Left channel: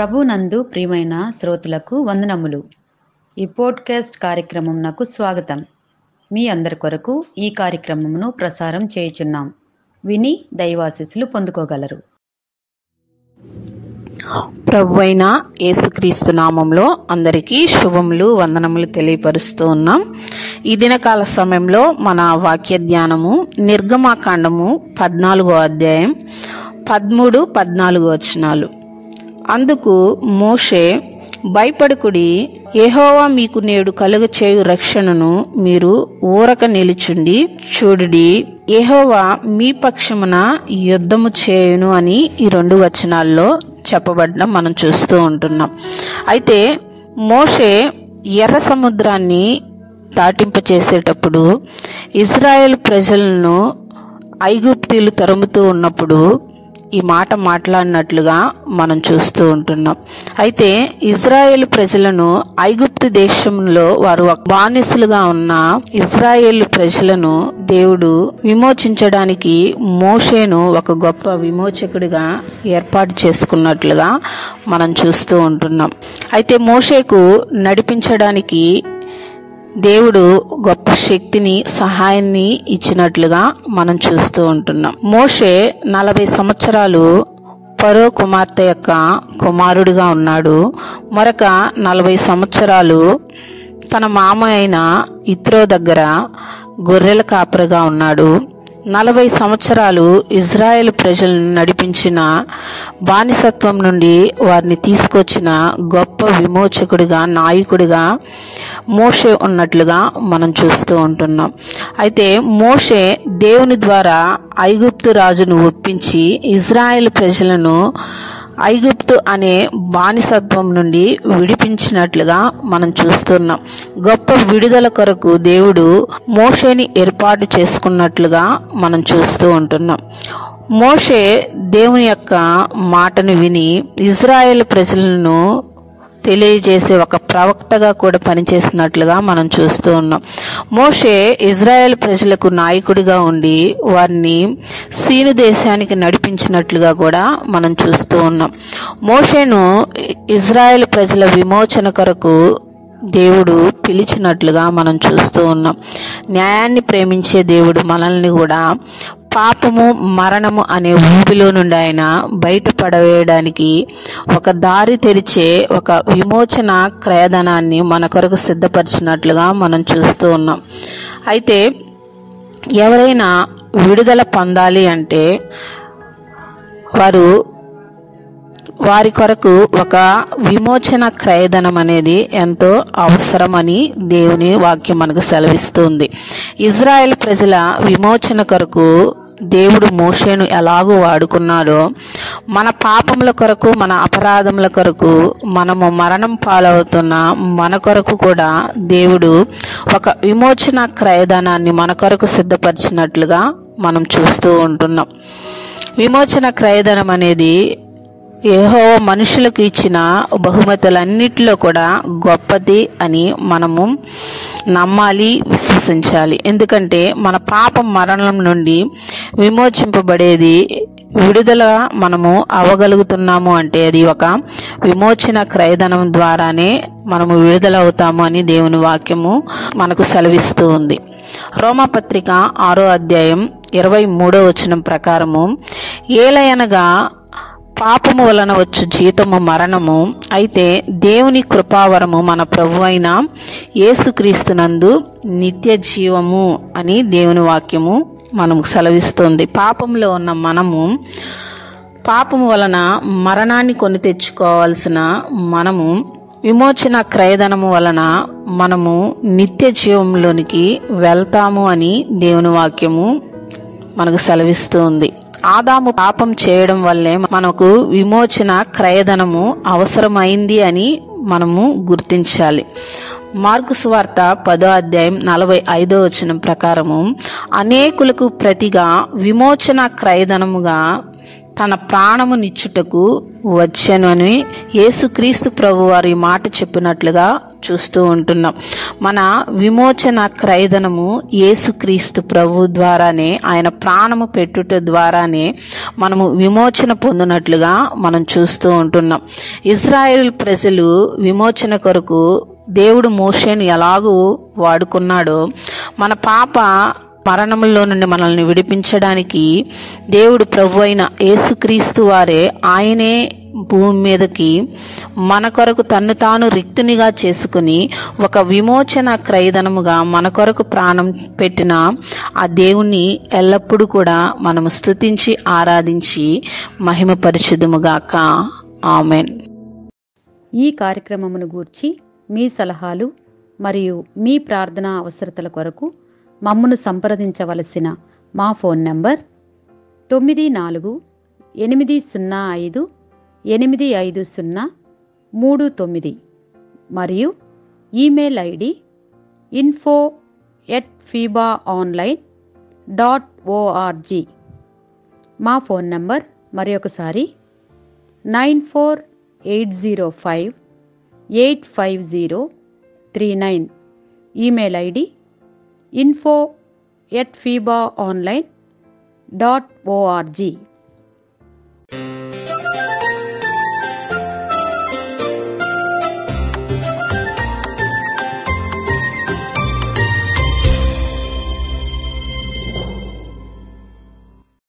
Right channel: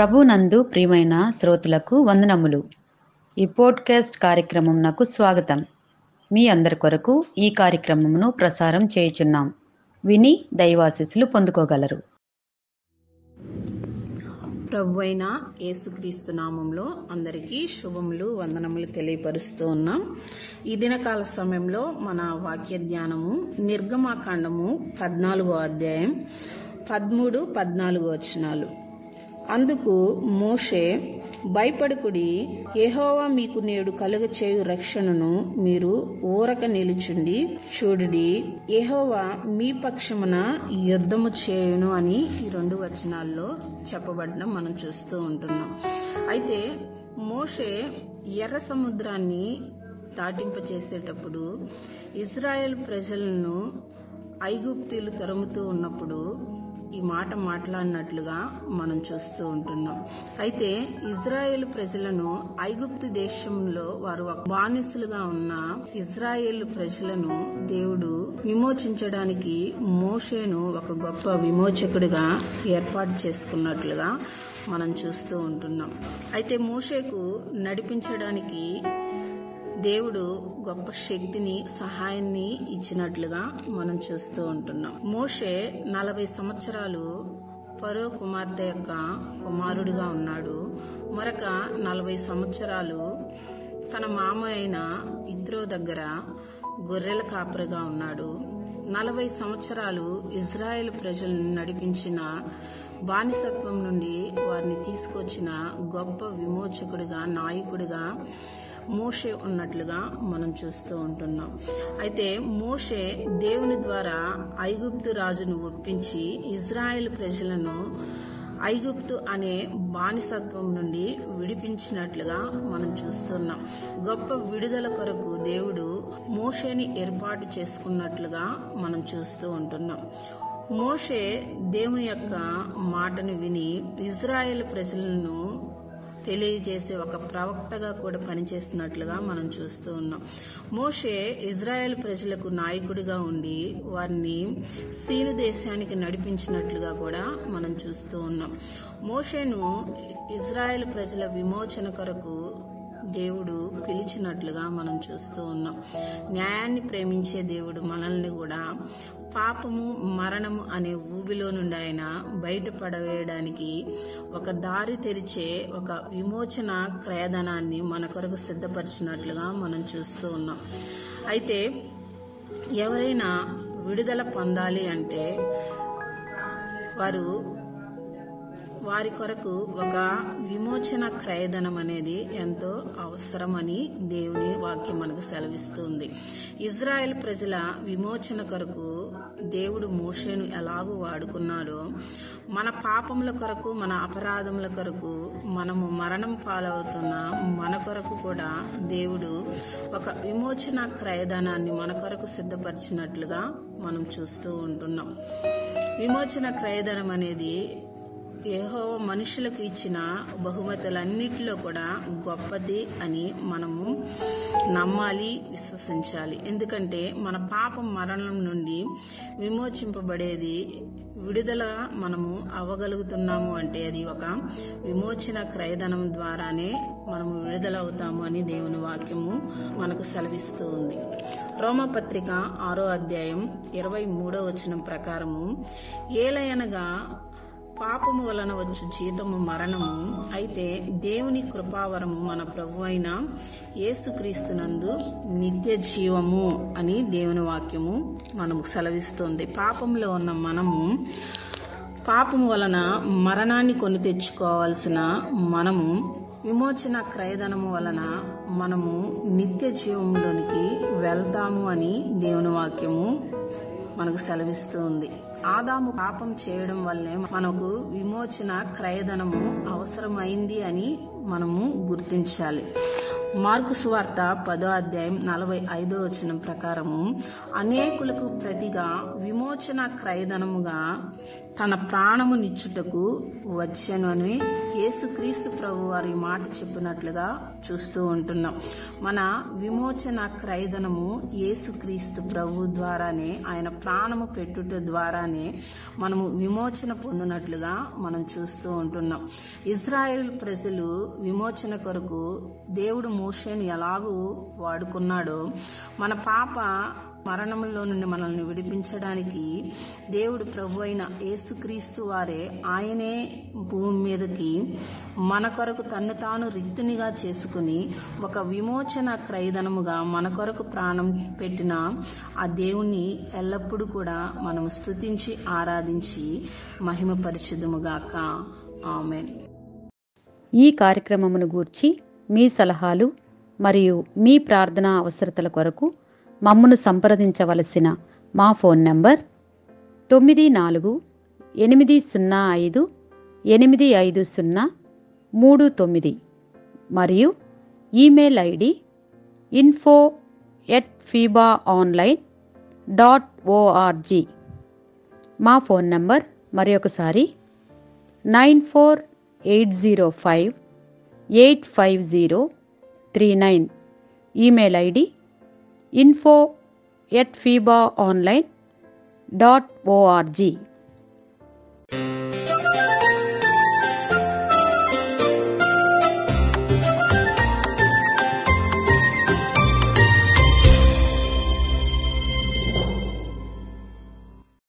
ప్రభునందు ప్రియమైన శ్రోతలకు వందనములు. ఈ పోడ్కాస్ట్ కార్యక్రమం నాకు స్వాగతం. మీ అందరి కొరకు ఈ కార్యక్రమమును ప్రసారం చేయుచున్నాం. విని దైవాశీస్సులు పొందుకోగలరు. ప్రభువైన యేసుక్రీస్తు నామంలో అందరికీ శుభములు, వందనములు తెలియపరుస్తూ ఉన్నాం. ఈ దినకాల సమయంలో మన వాక్య ధ్యానము నిర్గమాకాండము 14వ అధ్యాయం 13-14 వచనాలు. అందుకు మోషే, భయపడకుడి, యెహోవా మీకు నేడు కలుగచేయు రక్షణను మీరు ఊరక నిలుచుండి చూడుడి, యెహోవా మీ పక్షమున యుద్ధము చేయును అని ఈ 2 వచనాల్లో చెప్పబడడం మనం చూస్తూ ఉంటున్నాం. అయితే మోషే ఎర్ర సముద్రాన్ని దాటింపచేసేటప్పుడు ఇజ్రాయేల్ ప్రజలను ఐగుప్తీయులు తరుముతూ ఉన్నప్పుడు ఈ మాట మాట్లాడినట్లుగా మనం చూస్తూ ఉంటున్నాం. అయితే ఇజ్రాయేల్ ప్రజలను ఐగుప్తు దేశంలో వారు బానిసలుగా ఉన్న ఇజ్రాయేల్ ప్రజలను దేవుడు విమోచించడానికి మోషేను ఒక గొప్ప విమోచకుడిగా ఏర్పాటు చేసుకున్నట్లుగా మనం చూస్తూ ఉంటున్నాం. అయితే మోషేకు నడిపించడానికి దేవుడు గొప్ప శక్తిని, సహాయాన్ని ఇచ్చినట్లుగా మనం చూస్తూ ఉంటున్నాం. మోషే 40 సంవత్సరాలు ఫరో కుమార్తె యొక్క కుమారుడిగా ఉన్నాడు. మరొక 40 సంవత్సరాలు తన మామ అయిన ఇత్రో దగ్గర గొర్రెల కాపరిగా ఉన్నాడు. 40 సంవత్సరాలు ఇజ్రాయేల్ ప్రజలను నడిపించిన, బానిసత్వం నుండి వారిని తీసుకొచ్చిన గొప్ప విమోచకుడిగా, నాయకుడిగా మోషే ఉన్నట్లుగా మనం చూస్తూ ఉంటున్నాం. అయితే మోషే దేవుని ద్వారా ఐగుప్తు రాజును ఒప్పించి ఇజ్రాయేల్ ప్రజలను ఐగుప్తు అనే బానిసత్వం నుండి విడిపించినట్లుగా మనం చూస్తున్నాం. గొప్ప విడుదల కొరకు దేవుడు మోషేని ఏర్పాటు చేసుకున్నట్లుగా మనం చూస్తూ ఉంటున్నాం. మోషే దేవుని యొక్క మాటను విని ఇజ్రాయేల్ ప్రజలను తెలియజేసే ఒక ప్రవక్తగా కూడా పనిచేసినట్లుగా మనం చూస్తూ ఉన్నాం. మోషే ఇజ్రాయెల్ ప్రజలకు నాయకుడిగా ఉండి వారిని సీను దేశానికి నడిపించినట్లుగా కూడా మనం చూస్తూ ఉన్నాం. మోషేను ఇజ్రాయెల్ ప్రజల విమోచన కొరకు దేవుడు పిలిచినట్లుగా మనం చూస్తూ ఉన్నాం. న్యాయాన్ని ప్రేమించే దేవుడు మనల్ని కూడా పాపము, మరణము అనే ఊబిలో నుండి ఆయన బయటపడవేయడానికి ఒక దారి తెరిచే ఒక విమోచన క్రయధనాన్ని మన కొరకు సిద్ధపరిచినట్లుగా మనం చూస్తూ ఉన్నాం. అయితే ఎవరైనా విడుదల పొందాలి అంటే వారి కొరకు ఒక విమోచన క్రయధనం అనేది ఎంతో అవసరమని దేవుని వాక్యం మనకు సెలవిస్తుంది. ఇజ్రాయెల్ ప్రజల విమోచన కొరకు దేవుడు మోషేను ఎలాగో వాడుకున్నాడో, మన పాపముల కొరకు, మన అపరాధముల కొరకు, మనము మరణం పాలవుతున్న మన కొరకు కూడా దేవుడు ఒక విమోచన క్రయధనాన్ని మన కొరకు సిద్ధపరిచినట్లుగా మనం చూస్తూ ఉంటున్నాం. విమోచన క్రయధనం అనేది యెహోవా మనుషులకు ఇచ్చిన బహుమతులన్నిటిలో కూడా గొప్పది అని మనము నమ్మాలి, విశ్వసించాలి. ఎందుకంటే మన పాపం, మరణం నుండి విమోచింపబడేది, విడుదల మనము అవ్వగలుగుతున్నాము అంటే అది ఒక విమోచన క్రయధనం ద్వారానే మనము విడుదల అవుతాము అని దేవుని వాక్యము మనకు సెలవిస్తూ ఉంది. రోమాపత్రిక 6వ అధ్యాయం 23వ వచనం ప్రకారము, ఏలయనగా పాపము వలన వచ్చు జీతము మరణము, అయితే దేవుని కృపావరము మన ప్రభువైన యేసుక్రీస్తునందు నిత్య జీవము అని దేవుని వాక్యము మనకు సెలవిస్తుంది. పాపంలో ఉన్న మనము, పాపము వలన మరణాన్ని కొని తెచ్చుకోవాల్సిన మనము, విమోచన క్రయధనము వలన మనము నిత్య జీవంలోనికి వెళ్తాము అని దేవుని వాక్యము మనకు సెలవిస్తుంది. ఆదాము పాపం చేయడం వల్లే మనకు విమోచన క్రయధనము అవసరమైంది అని మనము గుర్తించాలి. మార్కు సువార్త 10వ అధ్యాయం 45వ వచనం ప్రకారము, అనేకులకు ప్రతిగా విమోచన క్రయధనముగా తన ప్రాణము నిచ్చుటకు వచ్చెను అని యేసుక్రీస్తు ప్రభు వారి మాట చెప్పినట్లుగా చూస్తూ ఉంటున్నాం. మన విమోచన క్రయధనము యేసుక్రీస్తు ప్రభు ద్వారానే, ఆయన ప్రాణము పెట్టుట ద్వారానే మనము విమోచన పొందినట్లుగా మనం చూస్తూ ఉంటున్నాం. ఇజ్రాయేల్ ప్రజలు విమోచన కొరకు దేవుడు మోషేను ఎలాగూ వాడుకున్నాడో, మన పాప మరణంలో నుండి మనల్ని విడిపించడానికి దేవుడు ప్రభు అయిన యేసుక్రీస్తు వారే, ఆయనే భూమి మీదకి మన కొరకు తన్ను తాను రిక్తునిగా చేసుకుని ఒక విమోచన క్రయధనముగా మన కొరకు ప్రాణం పెట్టిన ఆ దేవుణ్ణి ఎల్లప్పుడూ కూడా మనము స్తుతించి ఆరాధించి మహిమపరచుదుముగాక. ఆమెన్. ఈ కార్యక్రమమును గూర్చి మీ సలహాలు మరియు మీ ప్రార్థనా అవసరతల కొరకు మమ్మను సంప్రదించవలసిన మా ఫోన్ నంబర్ 9480585039 మరియు ఈమెయిల్ ఐడి info@fibaonline.org. మా ఫోన్ నంబర్ మరొకసారి 9480585039. Email ID info@fibaonline.org.